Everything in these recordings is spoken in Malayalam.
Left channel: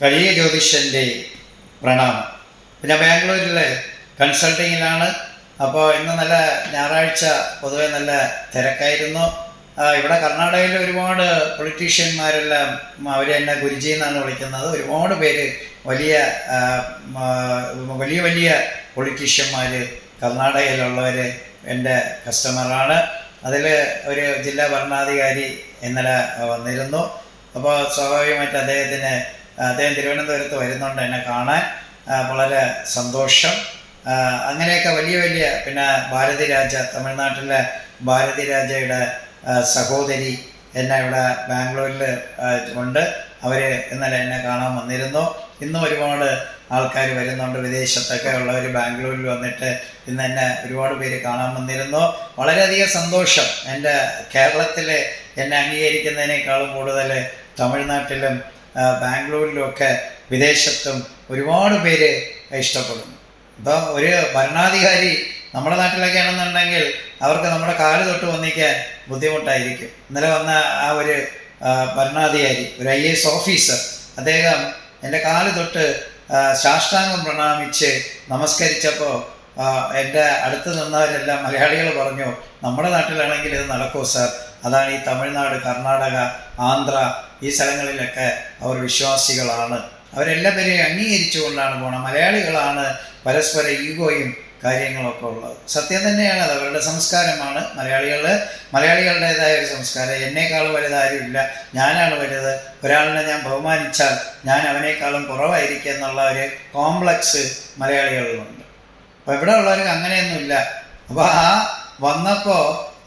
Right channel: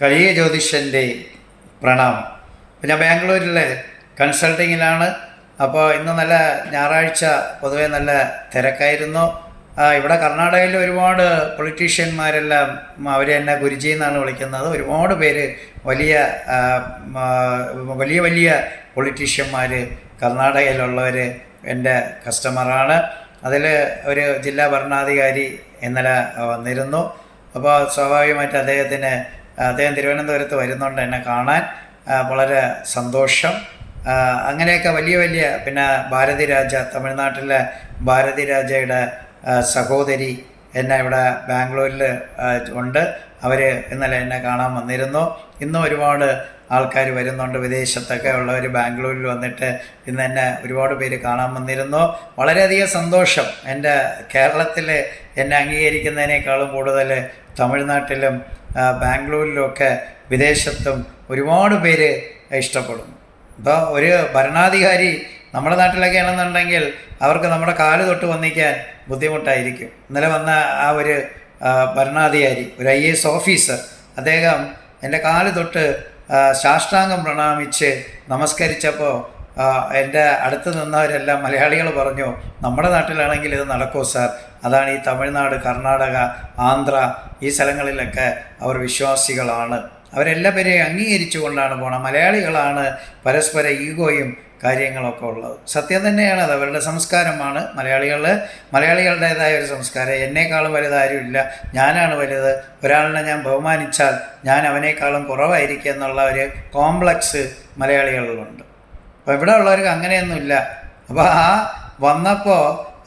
കഴിയ ജ്യോതിഷൻ്റെ പ്രണാമം. ഞാൻ ബാംഗ്ലൂരിലെ കൺസൾട്ടിങ്ങിലാണ്. അപ്പോൾ ഇന്ന് നല്ല ഞായറാഴ്ച പൊതുവെ നല്ല തിരക്കായിരുന്നു. ഇവിടെ കർണാടകയിൽ ഒരുപാട് പൊളിറ്റീഷ്യന്മാരെല്ലാം അവർ എന്നെ ഗുരുജി എന്നാണ് വിളിക്കുന്നത്. ഒരുപാട് പേര് വലിയ വലിയ വലിയ പൊളിറ്റീഷ്യന്മാർ കർണാടകയിലുള്ളവർ എൻ്റെ കസ്റ്റമറാണ്. അതിൽ ഒരു ജില്ലാ ഭരണാധികാരി ഇന്നലെ വന്നിരുന്നു. അപ്പോൾ സ്വാഭാവികമായിട്ട് അദ്ദേഹം തിരുവനന്തപുരത്ത് വരുന്നുണ്ട് എന്നെ കാണാൻ. വളരെ സന്തോഷം. അങ്ങനെയൊക്കെ വലിയ വലിയ പിന്നെ ഭാരതി രാജ, തമിഴ്നാട്ടിലെ ഭാരതി രാജയുടെ സഹോദരി എന്നെ ഇവിടെ ബാംഗ്ലൂരിൽ ഉണ്ട്. അവർ ഇന്നലെ എന്നെ കാണാൻ വന്നിരുന്നു. ഇന്നും ഒരുപാട് ആൾക്കാർ വരുന്നുണ്ട്. വിദേശത്തൊക്കെ ഉള്ളവർ ബാംഗ്ലൂരിൽ വന്നിട്ട് ഇന്ന് എന്നെ ഒരുപാട് പേര് കാണാൻ വന്നിരുന്നു. വളരെയധികം സന്തോഷം. എൻ്റെ കേരളത്തിൽ എന്നെ അംഗീകരിക്കുന്നതിനേക്കാളും കൂടുതൽ തമിഴ്നാട്ടിലും ബാംഗ്ലൂരിലുമൊക്കെ വിദേശത്തും ഒരുപാട് പേര് ഇഷ്ടപ്പെടുന്നു. ഇപ്പോൾ ഒരു ഭരണാധികാരി നമ്മുടെ നാട്ടിലൊക്കെ ആണെന്നുണ്ടെങ്കിൽ അവർക്ക് നമ്മുടെ കാല് തൊട്ട് വന്നിക്കാൻ ബുദ്ധിമുട്ടായിരിക്കും. ഇന്നലെ വന്ന ആ ഒരു ഭരണാധികാരി, ഒരു IAS ഓഫീസർ, അദ്ദേഹം എൻ്റെ കാല് തൊട്ട് സാഷ്ടാംഗം പ്രണാമിച്ച് നമസ്കരിച്ചപ്പോൾ എൻ്റെ അടുത്ത് നിന്നവരെല്ലാം മലയാളികൾ പറഞ്ഞു, നമ്മുടെ നാട്ടിലാണെങ്കിൽ ഇത് നടക്കുമോ സാർ? അതാണ് ഈ തമിഴ്നാട്, കർണാടക, ആന്ധ്ര ഈ സ്ഥലങ്ങളിലൊക്കെ അവർ വിശ്വാസികളാണ്. അവരെല്ലാവരെയും അംഗീകരിച്ചുകൊണ്ടാണ് പോണത്. മലയാളികളാണ് പരസ്പര ഈഗോയും കാര്യങ്ങളൊക്കെ ഉള്ളത്. സത്യം തന്നെയാണ്. അത് അവരുടെ സംസ്കാരമാണ്. മലയാളികളുടേതായ ഒരു സംസ്കാരം. എന്നേക്കാളും വലുതാരും ഇല്ല, ഞാനാണ് വലുത്. ഒരാളിനെ ഞാൻ ബഹുമാനിച്ചാൽ ഞാൻ അവനേക്കാളും കുറവായിരിക്കും എന്നുള്ള ഒരു കോംപ്ലക്സ് മലയാളികളിലുണ്ട്. അപ്പോൾ ഇവിടെ ഉള്ളവർക്ക് അങ്ങനെയൊന്നുമില്ല. അപ്പോൾ വന്നപ്പോൾ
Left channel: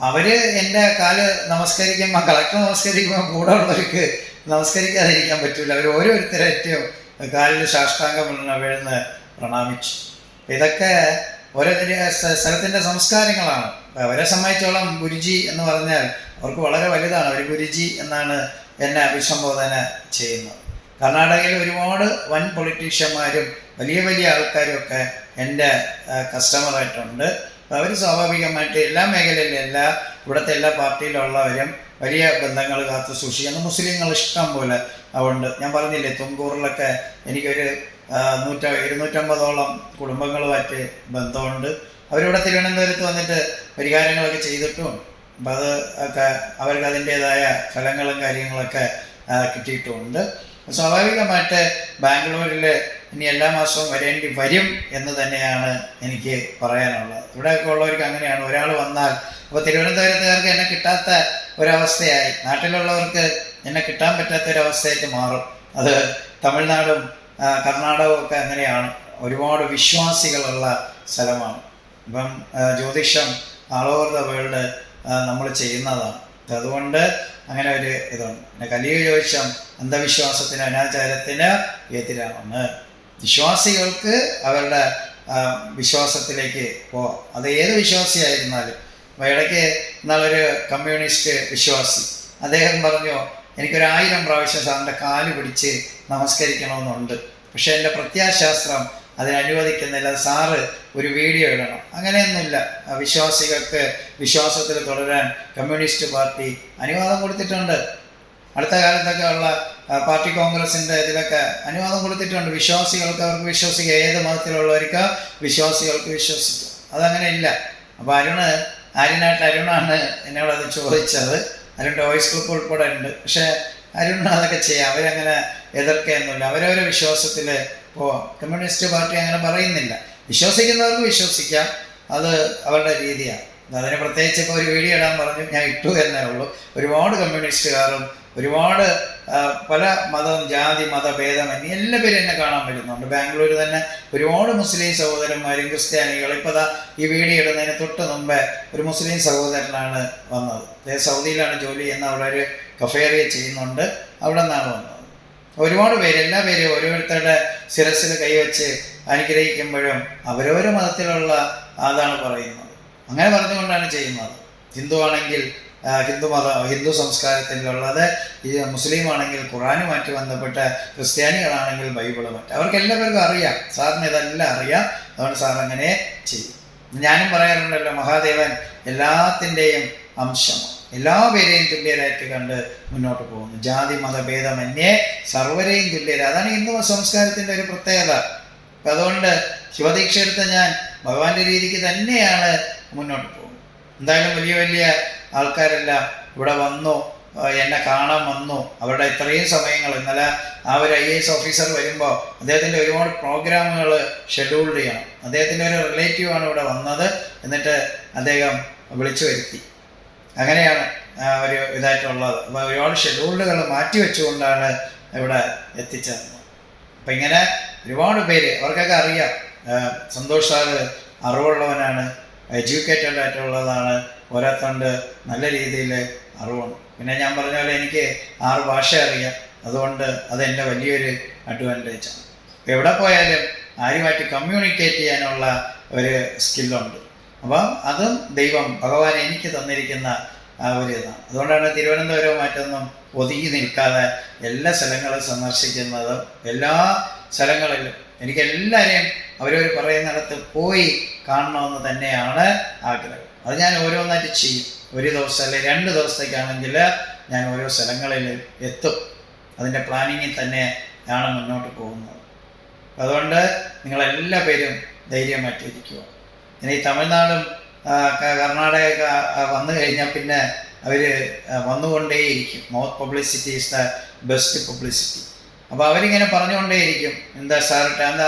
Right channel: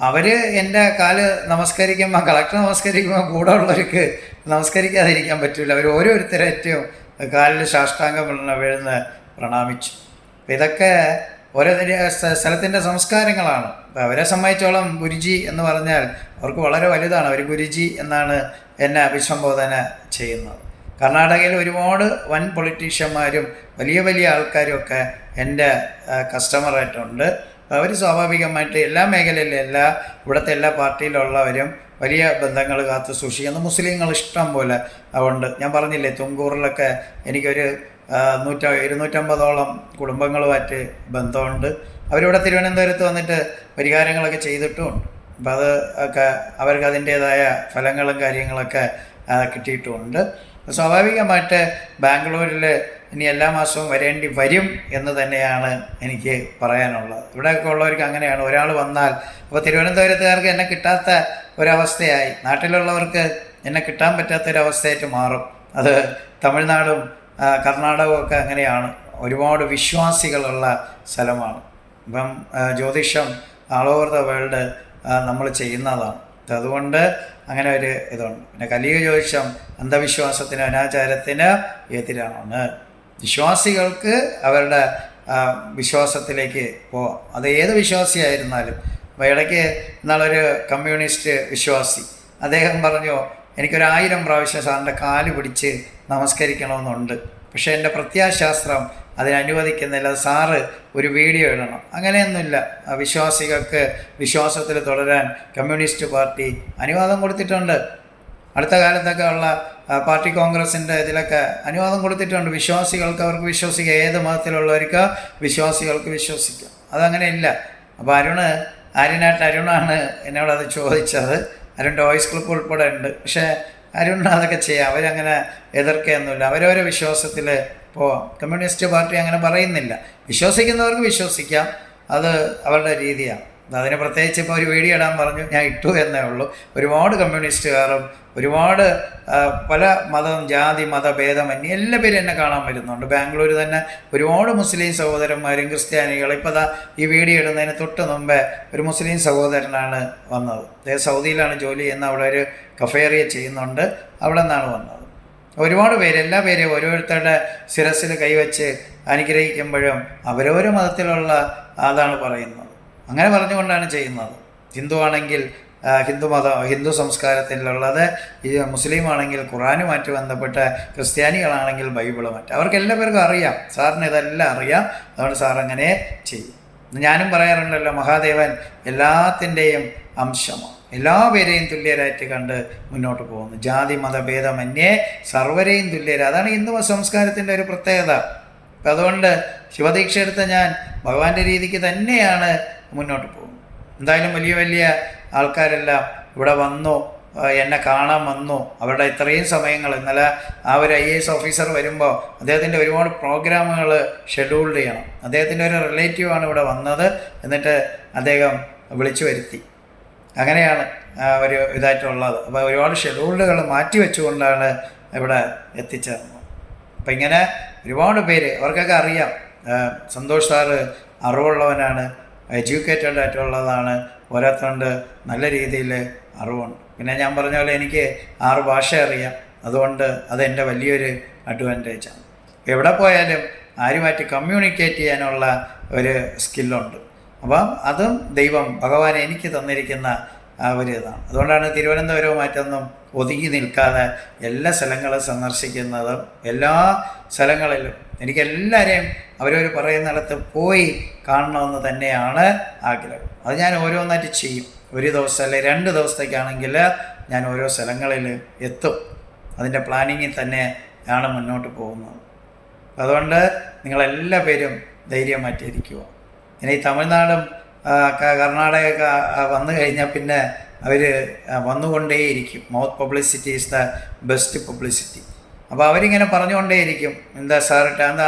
അവർ എൻ്റെ കാല് നമസ്കരിക്കുമ്പോൾ, കളക്ടർ നമസ്കരിക്കുമ്പോൾ കൂടെ ഉള്ളവർക്ക് നമസ്കരിക്കാതിരിക്കാൻ പറ്റില്ല. അവർ ഓരോരുത്തരേറ്റവും കാലിൽ സാഷ്ടാംഗം വീഴുന്ന് പ്രണാമിച്ചു. അപ്പം ഇതൊക്കെ ഓരോ സ്ഥലത്തിൻ്റെ സംസ്കാരങ്ങളാണ്. അവരെ സംബന്ധിച്ചോളം ഗുരുജി എന്ന് പറഞ്ഞാൽ അവർക്ക് വളരെ വലുതാണ്. അവർ ഗുരുജി എന്നാണ് എന്നെ അഭിസംബോധന ചെയ്യുന്നത്. കർണാടകയിൽ ഒരുപാട് വൻ പൊളിറ്റീഷ്യന്മാരും വലിയ വലിയ ആൾക്കാരും ഒക്കെ എൻ്റെ കസ്റ്റമറായിട്ടുണ്ട്. അവർ സ്വാഭാവികമായിട്ട് എല്ലാ മേഖലയിലും ഇവിടുത്തെ എല്ലാ പാർട്ടിയിലുള്ളവരും വലിയ ബന്ധങ്ങൾ കാത്തു സൂക്ഷിക്കുന്നു. മുസ്ലിങ്ങൾ ഇഷ്ടം പോലെ ഉണ്ട്. ഞാൻ പറഞ്ഞില്ലേ, തുങ്കൂറിലൊക്കെ എനിക്കൊരു 250ഓളം കുടുംബങ്ങളുമായിട്ട് ബന്ധമുണ്ട്. അവരിവിടെ തിരുവനന്തപുരത്ത് വന്നിട്ട് പരിഹാരങ്ങളൊക്കെ ചെയ്തിട്ടും അപ്പം അത് ഒക്കെ അവർക്ക് അതിൻ്റേതായ ഫലങ്ങളും കാര്യങ്ങളൊക്കെ കിട്ടിയിട്ടുമുണ്ട്. സ്വാഭാവികമായിട്ട് ബാംഗ്ലൂരിൽ ഇനി എല്ലാ മാസവും വരേണ്ടി വരും എന്ന് തന്നെയാണ് എനിക്ക് പറയാനുള്ളത്. ഇവിടെയൊക്കെ ഉള്ളവർക്ക് അങ്ങനെയാണ്. ഒരാൾ വന്നാൽ, അപ്പോൾ തിരുവനന്തപുരത്തുകാർക്ക് എന്നെ കിട്ടാത്ത ഒരവസ്ഥയായി, നാട്ടിലുള്ളവർക്ക് എന്നെ കിട്ടാൻ പറ്റാത്തൊരവസ്ഥയായിട്ട് മാറും. അത് തമിഴ്നാടും കർണാടകവും ഒക്കെ അങ്ങനെയാണ്. ഒരുപാട് വിശ്വാസികളുള്ള സ്ഥലമാണ്. ഇപ്പം ജ്യോതിഷം ഓൾ ഓവർ ദ വേൾഡ് നമ്മൾ ചെയ്യുന്നതാണ്. അതുകൊണ്ട് അങ്ങനെ ഒരു ഇതുണ്ട്. പിന്നെ കലിക ജ്യോതിഷം അന്ധവിശ്വാസത്തിന്, അനാചാരത്തിന് എതിരാണ്. വിശ്വാസികൾക്ക് അവരുടെ വിശ്വാസത്തിലേക്ക് പോവാം. അത് ഏത് വിശ്വാസിയായിരുന്നാലും. ഇടയ്ക്ക് ഇന്നാളൊരു കമ്മ്യൂണിസ്റ്റ് വിശ്വാസി അദ്ദേഹം പറഞ്ഞു, എനിക്കൊരു1000 പ്രാവശ്യം സാറിൻ്റെ കാല് പിടിച്ച് നമസ്കരിക്കണമെന്നുണ്ട്, പക്ഷേ എൻ്റെ പ്രത്യാശാസ്ത്രം അതിനനുവദിക്കുന്നില്ല, സാറ് ഒരു വീഡിയോ ഇടണം. അങ്ങനെയൊന്നുമില്ല. വിശ്വാസികൾക്ക് വിശ്വാസത്തിൽ തുടരാൻ കമ്മ്യൂണിസ്റ്റ് പാർട്ടി അനുവാദം കൊടുത്തിട്ടുണ്ട്. അടുത്ത കാലത്തൊക്കെ ഉള്ള പാർട്ടി കോൺഗ്രസിൻ്റെ ഇതിലൊക്കെ അനുവാദം കൊടുത്തിട്ടുണ്ട്. വിശ്വാസികൾക്ക് അവർക്ക് വിശ്വസിക്കാം. ഏത് മതത്തിലുള്ളവർക്ക് വിശ്വാസികൾക്ക് വിശ്വസിക്കാം. അതങ്ങനെയില്ല. അപ്പോൾ അരുണാണ് എന്നോടത് ചോദിച്ചത്. അരുണിൻ്റെ വോയിസ് ക്ലിപ്പ് ഉൾപ്പെടെ ഉണ്ട്. പക്ഷേ അരുണിന് അതൊക്കെ ചെയ്യാം. അവരങ്ങനെ എതിർക്കുകയൊന്നുമില്ല. അവരവരെ വിശ്വാസത്തിൽ പോവാം. കമ്മ്യൂണിസ്റ്റ് പാർട്ടി അങ്ങനെ പറയുന്നില്ല. വിശ്വസിക്കുന്നവർക്ക് വിശ്വസിക്കാം. അത് അവരുടെ രീതിയാണ്. അതിന് പ്രത്യേകിച്ച് ഇപ്പോൾ ഒരു വീഡിയോ ഇടാൻ പറഞ്ഞു, ഞാൻ ഇട്ടു എന്നേ ഉള്ളൂ. ഒരുപാട് കമ്മ്യൂണിസ്റ്റുകാരും ഒരുപാട് പല മതം, ജാതി, മതഭേദമന്യേ എല്ലാ പേരും എന്നെ കാണാൻ വരുന്നുണ്ട്. ബാംഗ്ലൂർ തന്നെ ഒരുപാട് മുസ്ലിം സഹോദരന്മാരും ക്രിസ്ത്യാനികളും. ഇപ്പോൾ ഈ വീഡിയോ ഇടുന്നതിന് തൊട്ട് മുമ്പേ ഒരു മുസ്ലിം സഹോദരനാണ് വന്നത്. സൗദിയിലാണ് ജോലി ചെയ്യുന്ന, അവിടെ ഒരു കഫേറിയ ചെയ്യുന്നുണ്ട്. അവിടെ നിന്നാണ് വന്നത്. ഒരുപാട് പേര്, എല്ലാ പേരും ഓരോരുത്തരുടെ ശിരസിൽ കൈവച്ച് അനുഗ്രഹിക്കുമ്പോഴും അവരോരോ മതത്തിലുള്ള അതാണ് പറയുന്നത്. അങ്ങനെ പറഞ്ഞുകൊണ്ടാണ് ചെയ്യുന്നത്. ഹിന്ദു ആണെങ്കിൽ ഹിന്ദു സംസ്കാരത്തിലുള്ളത്, മുസ്ലിം ആണെങ്കിൽ ഖുറാനുമായിട്ട് ബന്ധപ്പെട്ട, ക്രിസ്ത്യാനികളാണെങ്കിൽ ബൈബിളുമായിട്ട്. അവർക്ക് എല്ലാവർക്കും അറിയാം. സാറിന് ഇതെല്ലാം അറിയാം. അതുകൊണ്ട് സാർ അങ്ങനെ ചെയ്യും. ഞാനും പറയാറുണ്ടല്ലോ, മഹാദേവൻ എല്ലാത്തിൻ്റെയും അംശമാണ്. എല്ലാവരെയും തുല്യരായിട്ട് കണ്ട് മുന്നോട്ട് പോകുന്നു. ജാതി മതഭേദമന്യേ സർവരെയും തുല്യര. അതാണ് ഹിന്ദു സംസ്കാരത്തിൻ്റെ ഒരു പ്രത്യേകത. അപ്പം അതുകൊണ്ട് ശിവദീക്ഷ എടുത്ത ഞാൻ ഭഗവാന്റെ രീതിക്ക് തന്നെയാണ് മുന്നോട്ട് പോകുന്നത്. എന്തായാലും വലിയ വലിയ ആൾക്കാരെല്ലാം ഇവിടെ വന്നു, എന്നെ കാണാൻ വന്നു. അവരുടെ ഇത്രയും സമയങ്ങൾ, ഇന്നലെ ആ ഒരു IAS ഓഫീസർ വരുമ്പോൾ അദ്ദേഹത്തിൻ്റെ ഒരുപാട് പ്രോഗ്രാമുകൾ ഷെഡ്യൂൾഡ് ചെയ്യണം. അദ്ദേഹത്തിൻ്റെ ഒരു റിലേറ്റീവാണ് ഇവിടെ വന്നത്. എന്നിട്ട് അദ്ദേഹം വിളിച്ചു വരുത്തി. അങ്ങനെയാണ് ഒരു ഇതായിട്ടുള്ളത്. അപ്പോൾ ഒരുപാട് ഷെഡ്യൂളുകൾ മാറ്റി വെച്ചുകൊണ്ടാണ് ഇവിടെ എത്തിച്ചേർന്നത്. അപ്പം ഇങ്ങനെ ഒരുപാട് പേര്, അവർക്കൊക്കെ അറിയാം സന്തോഷ് സാറ് അറിവുള്ളവനാണ്, എഡ്യൂക്കേറ്റഡ് ആയിട്ടുള്ളതാണ്, ഓരോരുത്തണ്ട് നല്ല രീതിയിൽ അറിവുണ്ട്. പിന്നെ ഞാൻ പറഞ്ഞ പോലെ എനിക്ക് 6 ഭാഷ അറിയാം. അതുകൊണ്ട് അതെൻ്റെ വലിയൊരു അഡ്വാൻറ്റേജാണ്. എവിടെ പോയാലും ആരുമായിട്ട് കമ്മ്യൂണിക്കേറ്റ് ചെയ്യാനുള്ള ഒരു സ്കില്ലുണ്ട്. അപ്പം അതും ദൈവം ഭഗവാൻ എനിക്ക് തന്നിരിക്കുന്ന ആ ഒരു ഇതാണ്. അതുകൊണ്ടാണ് തിരുവനന്തപുരവുമായിട്ടൊന്നും ഒതുങ്ങി നിൽക്കാതെ എല്ലാ സ്ഥലങ്ങളും സന്ദർശിക്കുന്നതും. എല്ലാ സ്ഥലങ്ങളിലും എനിക്കെല്ലാവരെയും അവരവർ പറയുന്നിടത്ത് പോയി കാണണമെന്ന് തന്നെയാണ് ആഗ്രഹം. അത് ഞാൻ ഓരോന്നായിട്ട് ചെയ്യും. ഒരു ദിവസം അല്ലെങ്കിൽ 2 ദിവസത്തേക്കാണെങ്കിൽ ഞാൻ ഓരോ സ്ഥലങ്ങളിൽ എത്തും. അതിൻ്റെ പ്ലാനിങ്ങിൽ തന്നെയാണ് മുന്നോട്ട് പോകുന്നത്. അതുകൊണ്ട് നിങ്ങളെല്ലാ പേരും ധൈര്യമായിട്ടിരിക്കുക. ഇനി തമിഴ്നാടും കർണാടകയൊക്കെ വന്നു കഴിഞ്ഞാൽ പിന്നെ അവർ വന്നുകൊണ്ടേയിരിക്കും. Mouth publicity is the best publicity. അപ്പോൾ അവരിങ്ങനെ പറഞ്ഞുകൊണ്ടേയിരിക്കും. എന്താ സാറിട്ട് എന്താ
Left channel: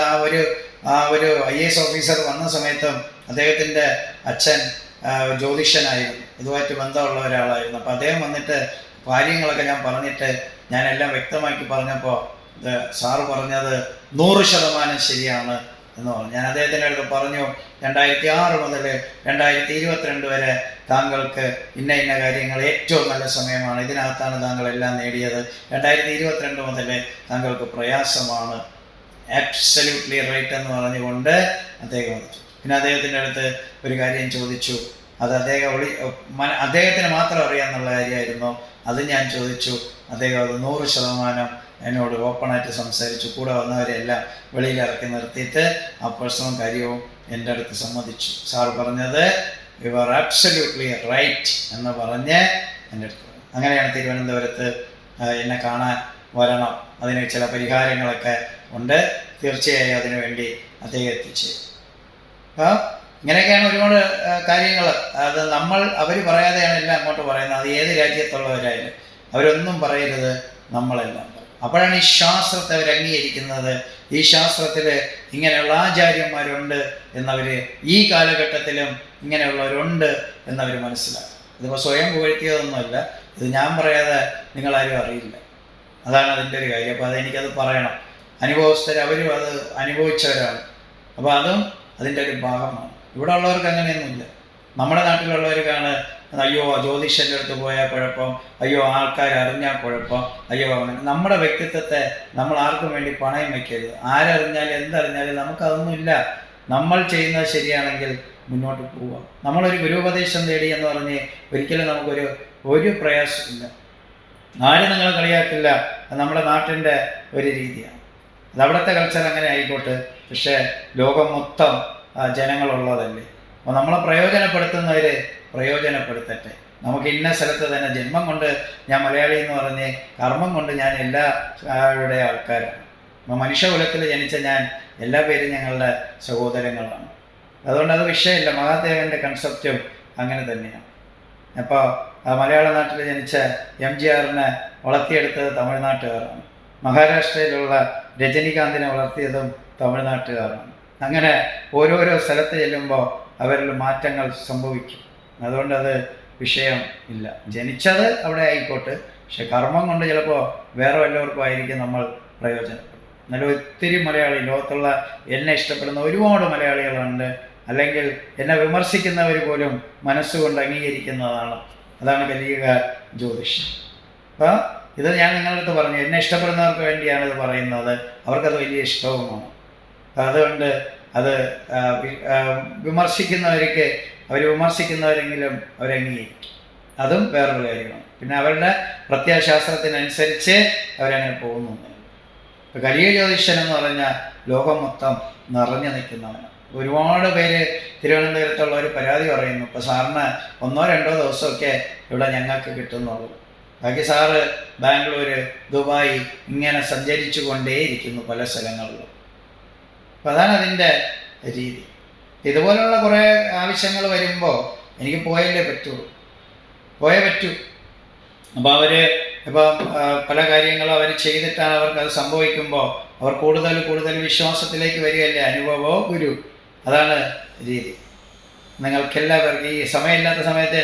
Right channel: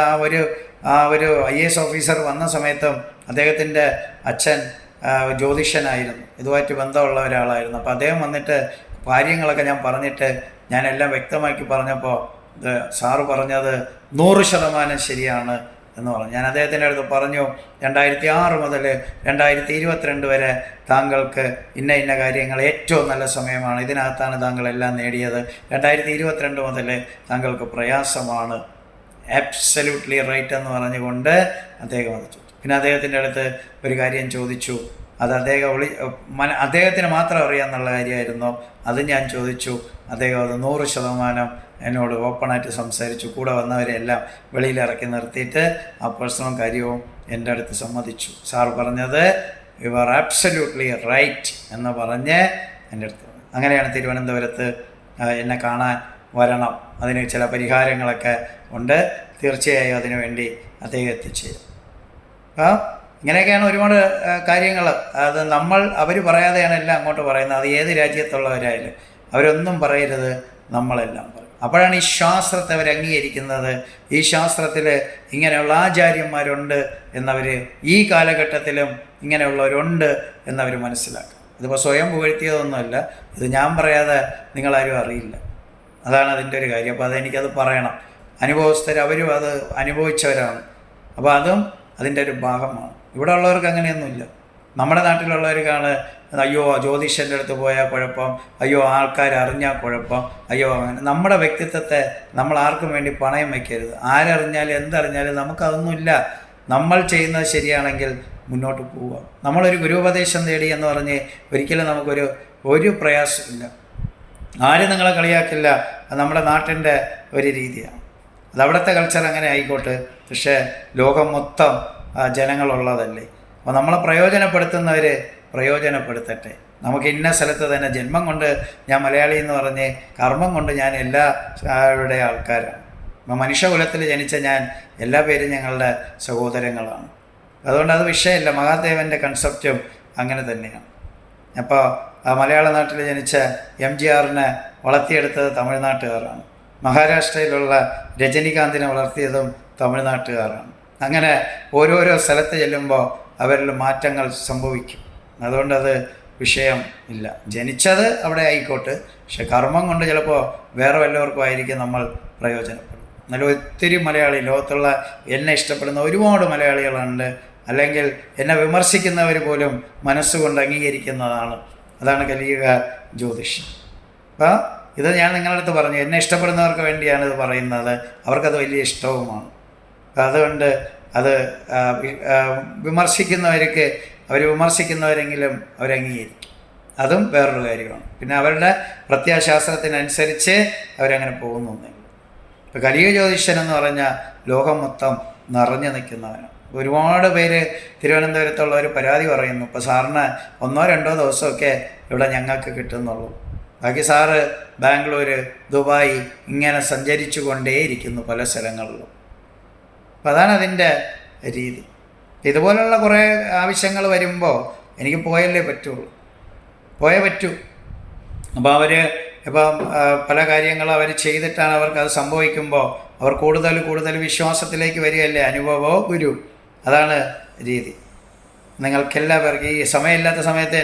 ആ ഒരു IAS ഓഫീസർ വന്ന സമയത്തും അദ്ദേഹത്തിൻ്റെ അച്ഛൻ ജ്യോതിഷനായിരുന്നു, ഇതുമായിട്ട് ബന്ധമുള്ള ഒരാളായിരുന്നു. അപ്പോൾ അദ്ദേഹം വന്നിട്ട് കാര്യങ്ങളൊക്കെ ഞാൻ പറഞ്ഞിട്ട് ഞാനെല്ലാം വ്യക്തമാക്കി പറഞ്ഞപ്പോൾ സാറ് പറഞ്ഞത് 100% ശരിയാണ് എന്ന് പറഞ്ഞു. ഞാൻ അദ്ദേഹത്തിൻ്റെ അടുത്ത് പറഞ്ഞു, 2006 മുതൽ 2022 വരെ താങ്കൾക്ക് ഇന്ന കാര്യങ്ങൾ ഏറ്റവും നല്ല സമയമാണ്, ഇതിനകത്താണ് താങ്കൾ എല്ലാം നേടിയത്. 2022 മുതൽ താങ്കൾക്ക് പ്രയാസമാണ്. ആബ്സല്യൂട്ട്ലി റൈറ്റ് എന്ന് പറഞ്ഞുകൊണ്ട് അദ്ദേഹം വന്നു. പിന്നെ അദ്ദേഹത്തിൻ്റെ അടുത്ത് ഒരു കാര്യം ചോദിച്ചു. അത് അദ്ദേഹത്തിന് മാത്രം അറിയാമെന്നുള്ള കാര്യമായിരുന്നു. അത് ഞാൻ ചോദിച്ചു. അദ്ദേഹം അത് 100% എന്നോട് ഓപ്പണായിട്ട് സംസാരിച്ചു. കൂടെ വന്നവരെല്ലാം വെളിയിലിറക്കി നിർത്തിയിട്ട് ആ പ്രശ്നവും കാര്യവും എൻ്റെ അടുത്ത് സമ്മതിച്ചു. സാർ പറഞ്ഞത് യു ആർ ആബ്സല്യൂട്ട്ലി റൈറ്റ് എന്ന് പറഞ്ഞ് എൻ്റെ അടുത്ത്. അങ്ങനെയാണ് തിരുവനന്തപുരത്ത് എന്നെ കാണാൻ വരണം. അതിന് ചില പരിഹാരങ്ങളൊക്കെ ഉണ്ട്. തീർച്ചയായും അതിനു വേണ്ടി അദ്ദേഹം എത്തിച്ചേരും. ഇങ്ങനെയൊക്കെയാണ് ഒരുപാട് കാര്യങ്ങൾ. അത് അവർ പറയാതെയാണ് എല്ലാം അങ്ങോട്ട് പറയുന്നത്. അത് ഏത് രാജ്യത്തുള്ളവരായാലും അവരൊന്നും പറയരുത്, നമ്മളെല്ലാം പറയും. അപ്പോഴാണ് ഈ ശാസ്ത്രത്തെ അവർ അംഗീകരിക്കുന്നത്. ഈ ശാസ്ത്രത്തിൽ ഇങ്ങനെയുള്ള ആചാര്യന്മാരുണ്ട് എന്നവർ, ഈ കാലഘട്ടത്തിലും ഇങ്ങനെയുള്ളവരുണ്ട് എന്നവർ മനസ്സിലാക്കും. ഇതിപ്പോൾ സ്വയം പുകഴ്ത്തിയതൊന്നുമല്ല. ഇത് ഞാൻ പറയാതെ നിങ്ങളാരും അറിയില്ല. അതാണ് അതിൻ്റെ ഒരു കാര്യം. അപ്പോൾ അതെനിക്കത് പറയണം. അനുഭവസ്ഥർ, അവരും അത് അനുഭവിച്ചവരാണ്. അപ്പോൾ അതും അതിൻ്റെ ഒരു ഭാഗമാണ്. ഇവിടെ ഉള്ളവർക്ക് അങ്ങനെയൊന്നുമില്ല. നമ്മുടെ നാട്ടിലുള്ളവർക്കാണ് അയ്യോ ജ്യോതിഷൻ്റെ അടുത്ത് പോയാൽ കുഴപ്പം, അയ്യോ ആൾക്കാർ അറിഞ്ഞാൽ കുഴപ്പം, അയ്യോ അങ്ങനെ. നമ്മുടെ വ്യക്തിത്വത്തെ നമ്മൾ ആർക്കും വേണ്ടി പണയം വയ്ക്കരുത്. ആരറിഞ്ഞാലും എന്തറിഞ്ഞാലും നമുക്കതൊന്നുമില്ല. നമ്മൾ ചെയ്യുന്നത് ശരിയാണെങ്കിൽ മുന്നോട്ട് പോവുക. നമ്മളൊരു ഗുരുപദേശം തേടി എന്ന് പറഞ്ഞ് ഒരിക്കലും നമുക്കൊരു പ്രയാസമില്ല. ആരും നിങ്ങളെ കളിയാക്കില്ല. അത് നമ്മുടെ നാട്ടിൻ്റെ ഒരു രീതിയാണ്. അത് അവിടുത്തെ കൾച്ചർ അങ്ങനെ ആയിക്കോട്ടെ. പക്ഷേ ലോകം മൊത്തം ജനങ്ങളുള്ളതല്ലേ. അപ്പോൾ നമ്മളെ പ്രയോജനപ്പെടുത്തുന്നവർ പ്രയോജനപ്പെടുത്തട്ടെ. നമുക്ക് ഇന്ന സ്ഥലത്ത് തന്നെ ജന്മം കൊണ്ട് ഞാൻ മലയാളി എന്ന് പറഞ്ഞ് കർമ്മം കൊണ്ട് ഞാൻ എല്ലാവരുടെ ആൾക്കാരാണ്. അപ്പോൾ മനുഷ്യകുലത്തിൽ ജനിച്ച ഞാൻ എല്ലാ പേരും ഞങ്ങളുടെ സഹോദരങ്ങളാണ്. അതുകൊണ്ട് അത് വിഷയമില്ല. മഹാദേവൻ്റെ കൺസെപ്റ്റും അങ്ങനെ തന്നെയാണ്. അപ്പോൾ മലയാള നാട്ടിൽ ജനിച്ച MGRനെ വളർത്തിയെടുത്തത് തമിഴ്നാട്ടുകാരാണ്. മഹാരാഷ്ട്രയിലുള്ള രജനികാന്തിനെ വളർത്തിയതും തമിഴ്നാട്ടുകാരാണ്. അങ്ങനെ ഓരോരോ സ്ഥലത്ത് ചെല്ലുമ്പോൾ അവരിൽ മാറ്റങ്ങൾ സംഭവിക്കും. അതുകൊണ്ടത് വിഷയം ഇല്ല. ജനിച്ചത് അവിടെ ആയിക്കോട്ടെ, പക്ഷെ കർമ്മം കൊണ്ട് ചിലപ്പോൾ വേറെ വല്ലവർക്കും ആയിരിക്കും നമ്മൾ പ്രയോജനപ്പെടും. എന്നാലും ഒത്തിരി മലയാളി, ലോകത്തുള്ള എന്നെ ഇഷ്ടപ്പെടുന്ന ഒരുപാട് മലയാളികളുണ്ട്. അല്ലെങ്കിൽ എന്നെ വിമർശിക്കുന്നവർ പോലും മനസ്സുകൊണ്ട് അംഗീകരിക്കുന്നതാണ്. അതാണ് കലിയുഗ ജ്യോതിഷം. അപ്പോൾ ഇത് ഞാൻ നിങ്ങളുടെ അടുത്ത് പറഞ്ഞു, എന്നെ ഇഷ്ടപ്പെടുന്നവർക്ക് വേണ്ടിയാണ് ഇത് പറയുന്നത്. അവർക്കത് വലിയ ഇഷ്ടവുമാണ്. അതുകൊണ്ട് അത് വിമർശിക്കുന്നവർക്ക് അവർ വിമർശിക്കുന്നവരെങ്കിലും അവരംഗീകരിക്കും. അതും വേറൊരു കാര്യമാണ്. പിന്നെ അവരുടെ പ്രത്യയശാസ്ത്രത്തിനനുസരിച്ച് അവരങ്ങനെ പോകുന്നുണ്ട്. ഇപ്പോൾ കലിയുഗ ജ്യോതിഷൻ എന്ന് പറഞ്ഞാൽ ലോകം മൊത്തം നിറഞ്ഞു നിൽക്കുന്നവനാണ്. ഒരുപാട് പേര് തിരുവനന്തപുരത്തുള്ളവർ പരാതി പറയുന്നു, ഇപ്പോൾ സാറിന് 1-2 ദിവസമൊക്കെ ഇവിടെ ഞങ്ങൾക്ക് കിട്ടുന്നുള്ളൂ. ബാക്കി സാറ് ബാംഗ്ലൂർ, ദുബായ് ഇങ്ങനെ സഞ്ചരിച്ചു കൊണ്ടേയിരിക്കുന്നു പല സ്ഥലങ്ങളിലും. അപ്പം അതാണ് അതിൻ്റെ രീതി. ഇതുപോലുള്ള കുറേ ആവശ്യങ്ങൾ വരുമ്പോൾ എനിക്ക് പോയല്ലേ പറ്റുള്ളൂ, പോയേ പറ്റൂ. അപ്പോൾ അവർ ഇപ്പം പല കാര്യങ്ങളും അവർ ചെയ്തിട്ടാണ് അവർക്കത് സംഭവിക്കുമ്പോൾ അവർ കൂടുതൽ വിശ്വാസത്തിലേക്ക് വരികയല്ലേ. അനുഭവോ ഗുരു, അതാണ് രീതി. നിങ്ങൾക്കെല്ലാവർക്കും ഈ സമയമില്ലാത്ത സമയത്ത്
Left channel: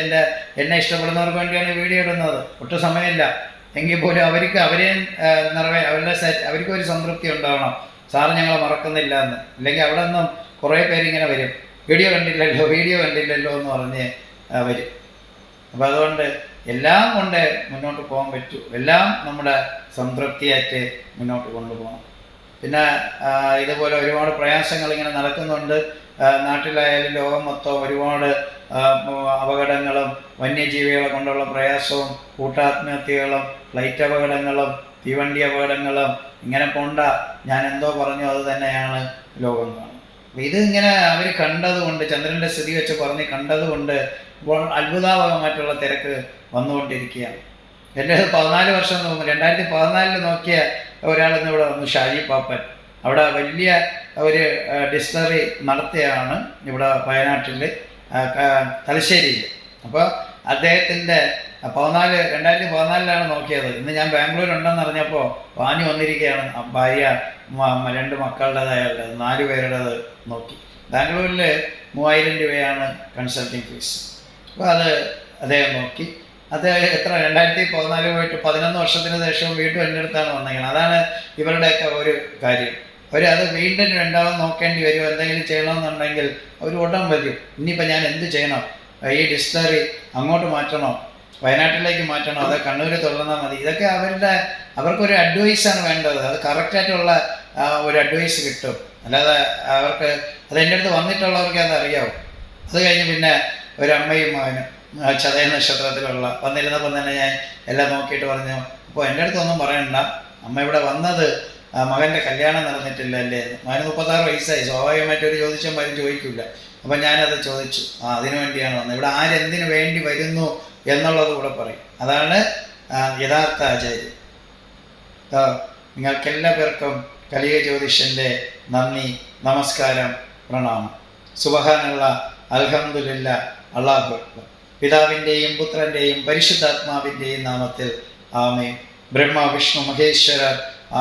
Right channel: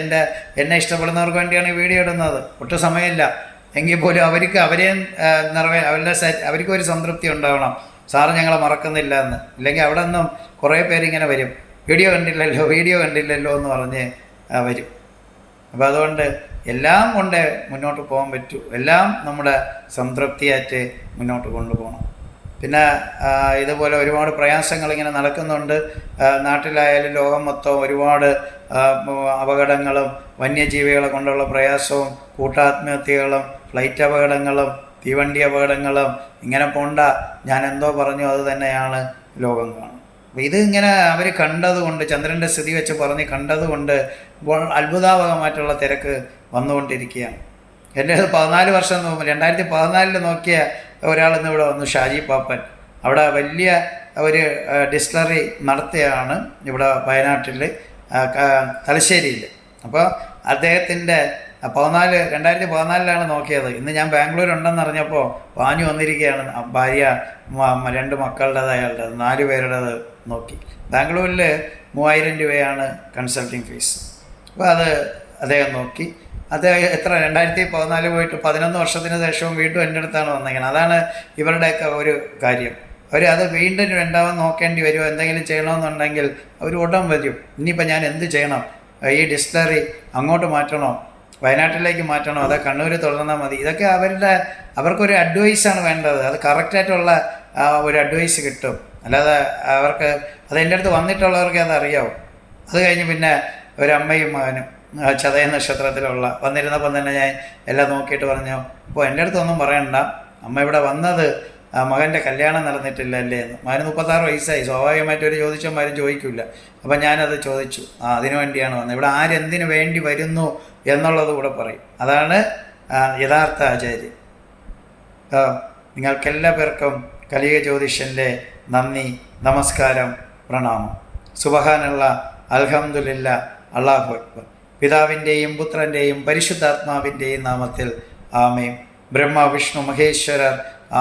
എന്നെ ഇഷ്ടപ്പെടുന്നവർക്ക് വേണ്ടിയാണ് ഈ വീഡിയോ ഇടുന്നത്. ഒട്ടും സമയമില്ല എങ്കിൽ പോലും അവരെയും അവർക്ക് ഒരു സംതൃപ്തി ഉണ്ടാവണം, സാറ് ഞങ്ങളെ മറക്കുന്നില്ല എന്ന്. ഇല്ലെങ്കിൽ അവിടെ നിന്നും കുറേ പേരിങ്ങനെ വരും, വീഡിയോ കണ്ടില്ലല്ലോ എന്ന് പറഞ്ഞ് വരും. അപ്പോൾ അതുകൊണ്ട് എല്ലാം കൊണ്ട് മുന്നോട്ട് പോകാൻ പറ്റൂ, എല്ലാം നമ്മുടെ സംതൃപ്തിയായിട്ട് മുന്നോട്ട് കൊണ്ടുപോകണം. പിന്നെ ഇതുപോലെ ഒരുപാട് പ്രയാസങ്ങൾ ഇങ്ങനെ നടക്കുന്നുണ്ട്. നാട്ടിലായാലും ലോകം മൊത്തം ഒരുപാട് അപകടങ്ങളും വന്യജീവികളെ കൊണ്ടുള്ള പ്രയാസവും കൂട്ടാത്മഹത്യകളും ഫ്ലൈറ്റ് അപകടങ്ങളും തീവണ്ടി അപകടങ്ങളും ഇങ്ങനെ പോണ്ട. ഞാൻ എന്തോ പറഞ്ഞു അത് തന്നെയാണ് ലോകം കാണും. അപ്പോൾ ഇത് ഇങ്ങനെ അവർ കണ്ടതുകൊണ്ട്, ചന്ദ്രൻ്റെ സ്ഥിതി വെച്ച് പറഞ്ഞ് കണ്ടതുകൊണ്ട് അത്ഭുതാവഹമായിട്ടുള്ള തിരക്ക് വന്നുകൊണ്ടിരിക്കുകയാണ്. എൻ്റെ 14 വർഷം മുമ്പ് 2014 നോക്കിയ ഒരാൾ ഇന്നിവിടെ വന്നു, ഷാജി പാപ്പൻ. അവിടെ വലിയ ഒരു ഡിസ്റ്റിലറി നടത്തിയാണ് ഇവിടെ വയനാട്ടിൽ, തലശ്ശേരിയിൽ. അപ്പോൾ അദ്ദേഹത്തിൻ്റെ 2014 നോക്കിയത്. ഇന്ന് ഞാൻ ബാംഗ്ലൂർ ഉണ്ടെന്ന് അറിഞ്ഞപ്പോൾ പാഞ്ഞു വന്നിരിക്കുകയാണ്. ഭാര്യ 2 മക്കളുടേതായാലും 4 പേരുടേത് നോക്കി. ബാംഗ്ലൂരിൽ 3000 രൂപയാണ് കൺസൾട്ടിങ് ഫീസ്. അപ്പോൾ അത് അദ്ദേഹം നോക്കി. അത് എത്ര 2014 പോയിട്ട് 11 വർഷത്തിന് ശേഷവും വീണ്ടും എൻ്റെ അടുത്താണ് വന്നിരിക്കുന്നത്. അതാണ് ഇവരുടെയൊക്കെ ഒരു കാര്യം. അത് വീണ്ടും രണ്ടാമത് നോക്കേണ്ടി വരുമോ, എന്തെങ്കിലും ചെയ്യണമെന്നുണ്ടെങ്കിൽ അവർ ഉടൻ വരും. ഇനിയിപ്പോൾ ഞാൻ എന്ത് ചെയ്യണം, ഈ ഡിസ്റ്റിലറി അങ്ങോട്ട് മാറ്റണോ, വയനാട്ടിലേക്ക് മാറ്റണോ, അതോ കണ്ണൂർ തുടർന്നാൽ മതി? ഇതൊക്കെ അവർക്കൊരു അഡ്വൈസാണ് വേണ്ടത്. അത് കറക്റ്റായിട്ടുള്ള ഒരു അഡ്വൈസ് കിട്ടും. അല്ലാതെ അത് എൻ്റെ അടുത്ത് വന്നിട്ടുള്ളവർക്ക് അതറിയാവും. അത് കഴിഞ്ഞ് പിന്നെ ഒരമ്മയും മകനും ചതയ നക്ഷത്രത്തിലുള്ള വന്നിരുന്നപ്പം തന്നെ ഞാൻ എല്ലാം നോക്കിയിട്ട് പറഞ്ഞു, അപ്പോൾ എൻ്റെ അടുത്തൊന്നും പറയണ്ട, അമ്മ ഇവിടെ വന്നത് മകൻ്റെ കല്യാണം നടന്നിട്ടില്ല അല്ലേ എന്ന്. മകന് 36 വയസ്സായി. സ്വാഭാവികമായിട്ട് ഒരു ചോദിച്ചവന്മാരും ചോദിക്കില്ല. അപ്പം ഞാനത് ചോദിച്ചു, അതിനു വേണ്ടിയാണ് വന്നത്. ഇവിടെ ആരെന്തിനു വേണ്ടി വരുന്നു എന്നുള്ളത് കൂടെ പറയും. അതാണ് യഥാർത്ഥ ആചാര്യം. നിങ്ങൾക്കെല്ലാ പേർക്കും കലിക ജ്യോതിഷൻ്റെ നന്ദി, നമസ്കാരം, പ്രണാമം. സുബ്ഹാനല്ലാഹ്, അൽഹംദുലില്ലാഹ്, അല്ലാഹു അക്ബർ. പിതാവിൻ്റെയും പുത്രൻ്റെയും പരിശുദ്ധാത്മാവിൻ്റെയും നാമത്തിൽ ആമേൻ. ബ്രഹ്മ വിഷ്ണു മഹേശ്വര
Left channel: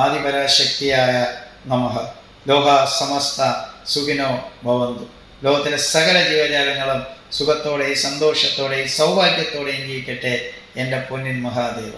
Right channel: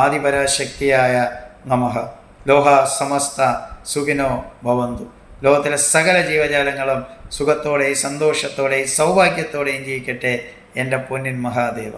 ആദിപരാശക്തിയായ നമഃ. ലോക സമസ്ത സുഖിനോ ഭവന്തു. ലോകത്തിലെ സകല ജീവജാലങ്ങളും സുഖത്തോടെയും സന്തോഷത്തോടെയും സൗഭാഗ്യത്തോടെയും ജീവിക്കട്ടെ എൻ്റെ പൊന്നിൻ മഹാദേവ.